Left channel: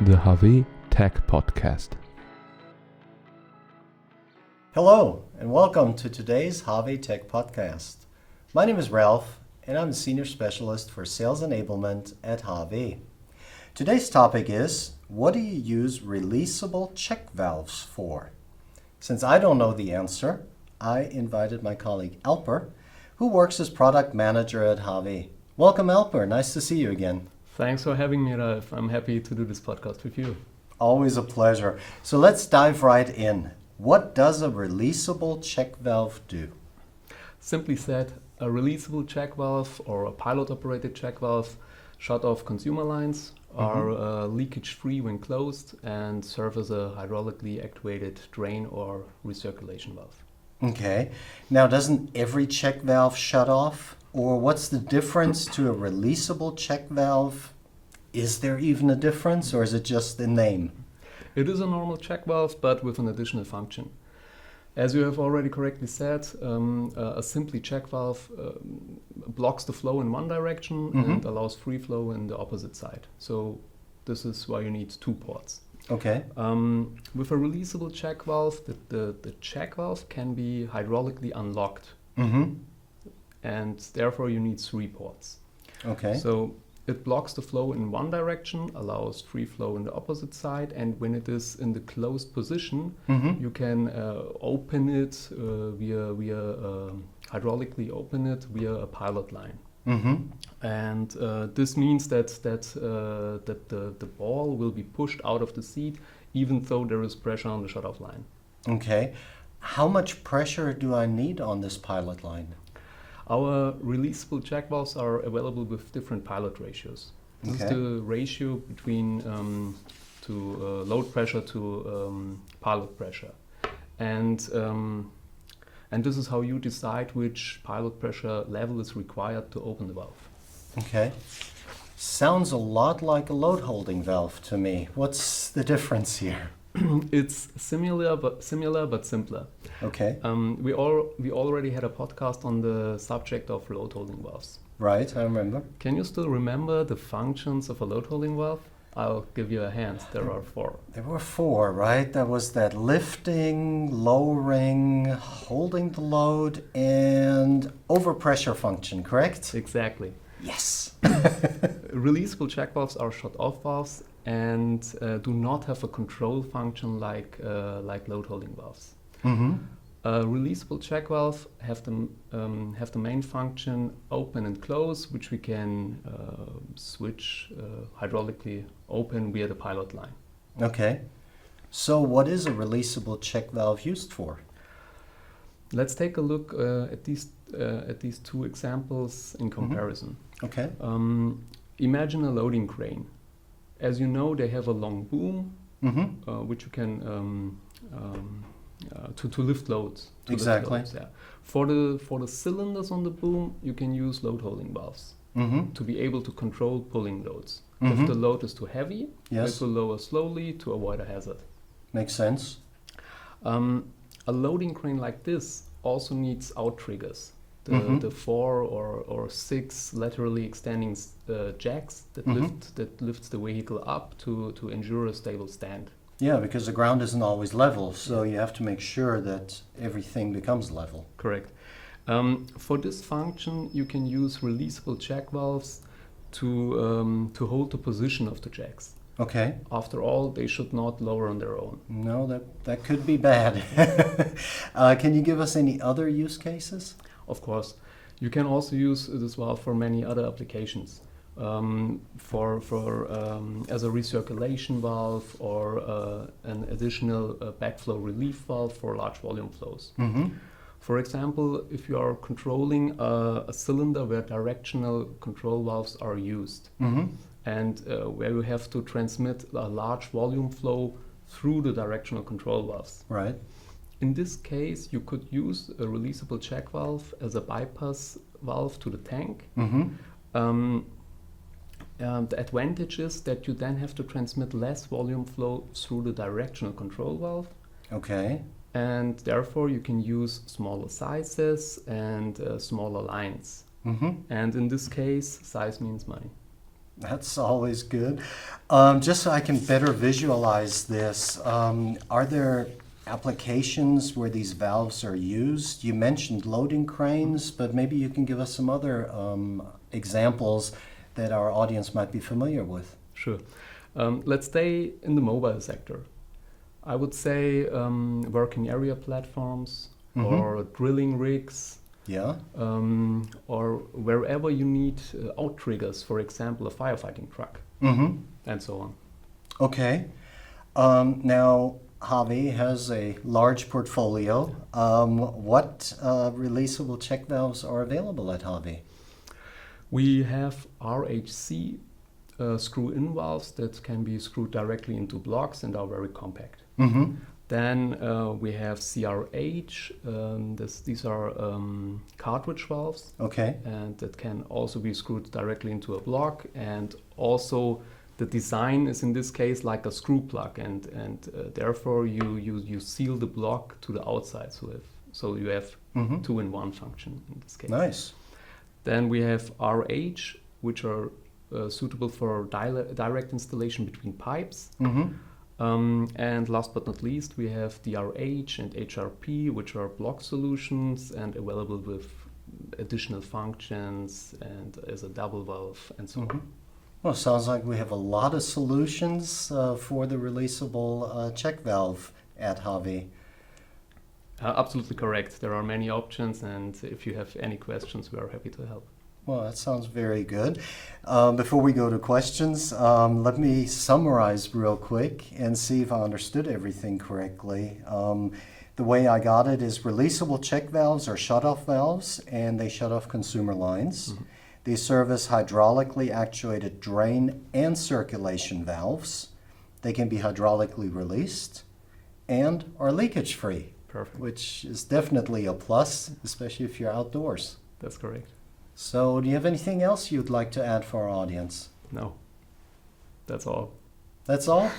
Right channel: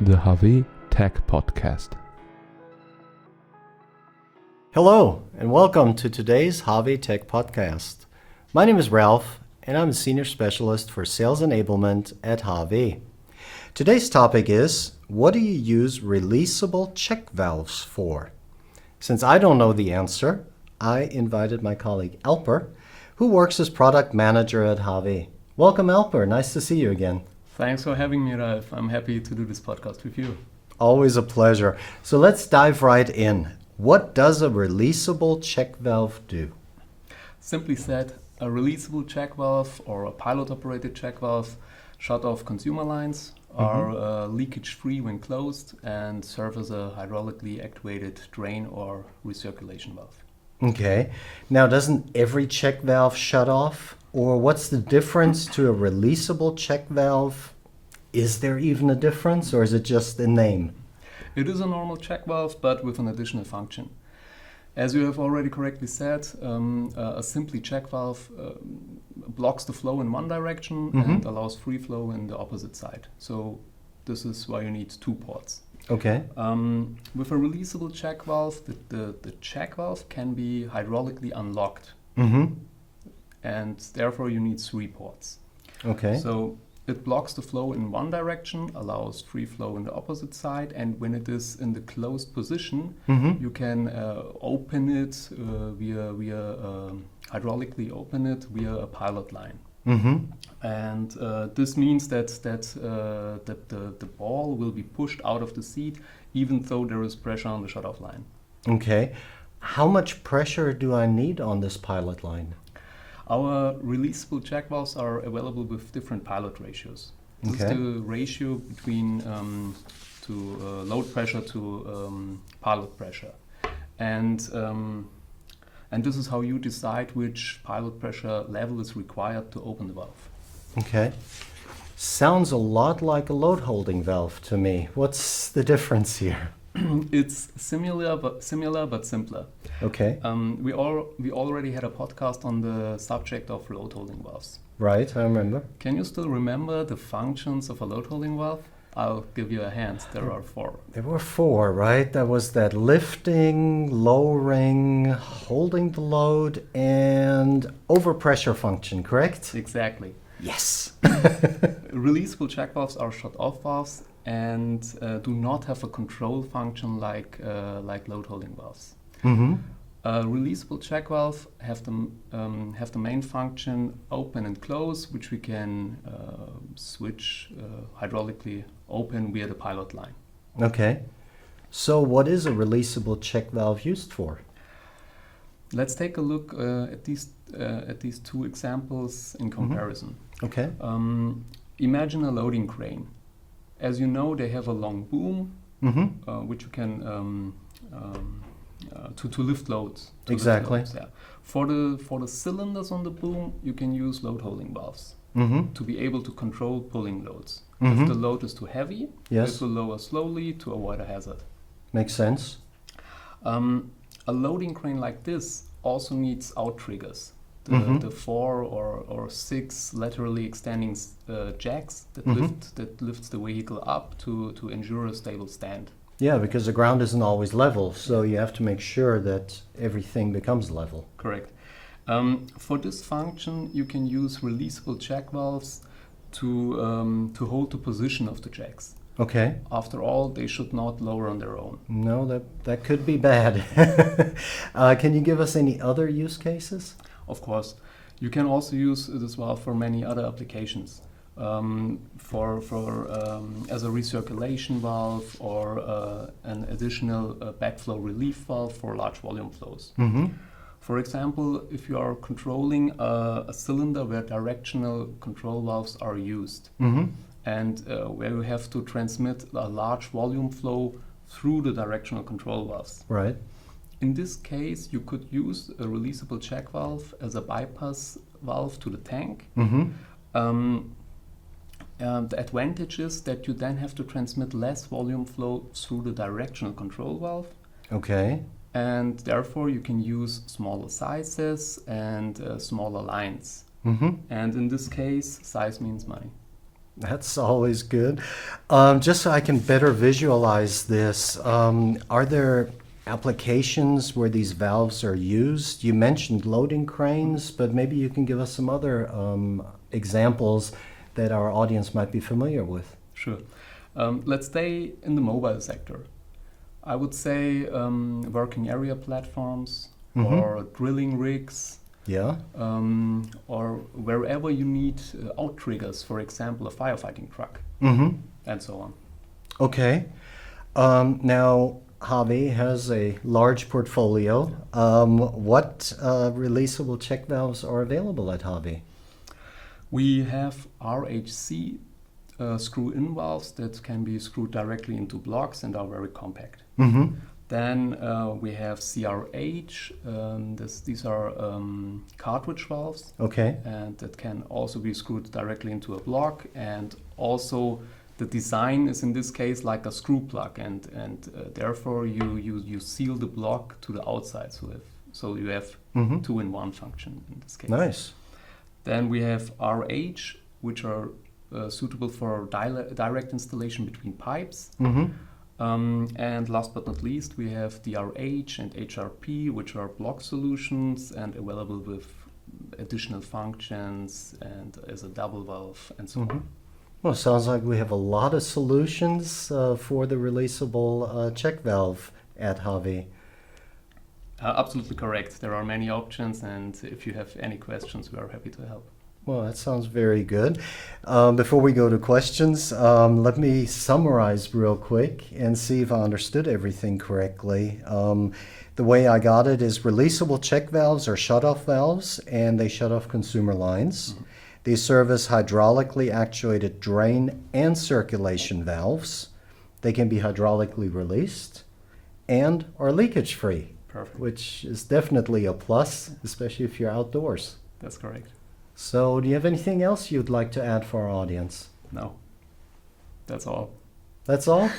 the HAWE Tech Podcast. Hello, and welcome to today's HAWE Tech Podcast. My name is Ralph, and I'm a Senior Specialist for Sales Enablement at HAWE. Today's topic is, what do you use releasable check valves for? Since I don't know the answer, I invited my colleague Alper, who works as Product Manager at HAWE. Welcome, Alper. Nice to see you again. Thanks for having me, Ralph. I'm happy to do this podcast with you. Always a pleasure. So let's dive right in. What does a releasable check valve do? Simply said, a releasable check valve or a pilot-operated check valve shut off consumer lines, are leakage-free when closed, and serve as a hydraulically actuated drain or recirculation valve. Okay. Now, doesn't every check valve shut off? Or what's the difference to a releasable check valve? Is there even a difference, or is it just the name? It is a normal check valve, but with an additional function. As you have already correctly said, a simply check valve blocks the flow in one direction and allows free flow in the opposite side. So this is why you need two ports. Okay. With a releasable check valve, the check valve can be hydraulically unlocked. And therefore you need three ports. Okay. So it blocks the flow in one direction, allows free flow in the opposite side, and when it is in the closed position, you can open it hydraulically open it via a pilot line. And this means that the ball will be pushed out of the seat, even though there is pressure on the shutoff line. Okay. How much pressure do I need on this pilot line? Our releasable check valves are available with different pilot ratios. This is the ratio between load pressure to pilot pressure, and this is how you decide which pilot pressure level is required to open the valve. Okay. Sounds a lot like a load holding valve to me. What's the difference here? It's similar but simpler. Okay. We already had a podcast on the subject of load holding valves. Right, I remember. Can you still remember the functions of a load holding valve? I'll give you a hint. There are four. There were four, right? There was that lifting, lowering, holding the load, and overpressure function, correct? Exactly. Yes. Releasable check valves are shut-off valves and do not have a control function like load holding valves. Releasable check valve have the main function open and close, which we can switch hydraulically open via the pilot line. Okay. So what is a releasable check valve used for? Let's take a look at these two examples in comparison. Okay. Imagine a loading crane. As you know, they have a long boom, which you can to lift loads. Exactly. Lift loads, yeah. For the cylinders on the boom, you can use load holding valves to be able to control pulling loads. If the load is too heavy, it will lower slowly to avoid a hazard. Makes sense. A loading crane like this also needs outriggers. The 4 or 6 laterally extending jacks that lifts the vehicle up to ensure a stable stand. Yeah, because the ground isn't always level, so you have to make sure that everything becomes level. Correct. For this function, you can use releasable check valves to hold the position of the jacks. Okay. After all, they should not lower on their own. No, that could be bad. Can you give us any other use cases? Of course. You can also use this valve for many other applications. As a recirculation valve or an additional backflow relief valve for large volume flows. For example, if you are controlling a cylinder where directional control valves are used and where you have to transmit a large volume flow through the directional control valves. Right. In this case, you could use a releasable check valve as a bypass valve to the tank. The advantage is that you then have to transmit less volume flow through the directional control valve. Okay. And therefore you can use smaller sizes and smaller lines. And in this case, size means money. That's always good. Just so I can better visualize this, are there applications where these valves are used? You mentioned loading cranes, but maybe you can give us some other examples that our audience might be familiar with. Sure. Let's stay in the mobile sector. I would say working area platforms or drilling rigs. Yeah. Or wherever you need outriggers, for example, a firefighting truck, and so on. Okay. Now, HAWE has a large portfolio. What releasable check valves are available at HAWE? We have RHC screw-in valves that can be screwed directly into blocks and are very compact. Then we have CRH. These are cartridge valves. Okay. And that can also be screwed directly into a block. And also the design is in this case like a screw plug, and therefore you seal the block to the outside. So you have two-in-one function in this case. Nice. Then we have RH, which are suitable for direct installation between pipes. And last but not least, we have DRH and HRP, which are block solutions and available with additional functions and as a double valve and so on. Well, sounds like we have a lot of solutions for the releasable check valve at HAWE. Absolutely correct. There are many options, and if you have any questions, we are happy to help. Well, that sounds very good. Before we go to questions, let me summarize real quick and see if I understood everything correctly. The way I got it is releasable check valves are shut-off valves, and they shut off consumer lines. They serve as hydraulically actuated drain and circulation valves. They can be hydraulically released and are leakage-free, Perfect. which is definitely a plus, especially if you're outdoors. That's correct. So, do you have anything else you'd like to add for our audience? No, that's all. That's all?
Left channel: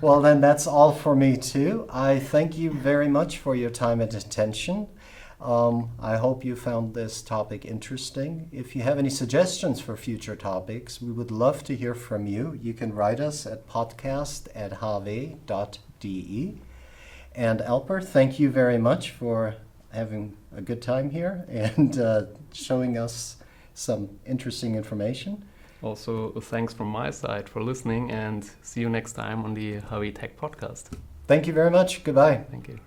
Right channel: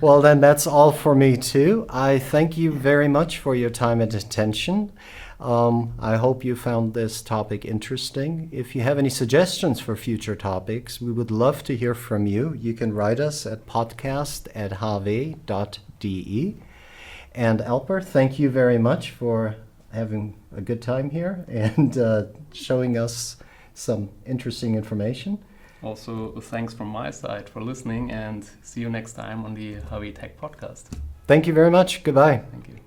Well, then that's all for me too. I thank you very much for your time and attention. I hope you found this topic interesting. If you have any suggestions for future topics, we would love to hear from you. You can write us at podcast@hawe.de. And Alper, thank you very much for having a good time here and showing us some interesting information. Also, thanks from my side for listening, and see you next time on the HAWE Tech Podcast. Thank you very much. Goodbye. Thank you.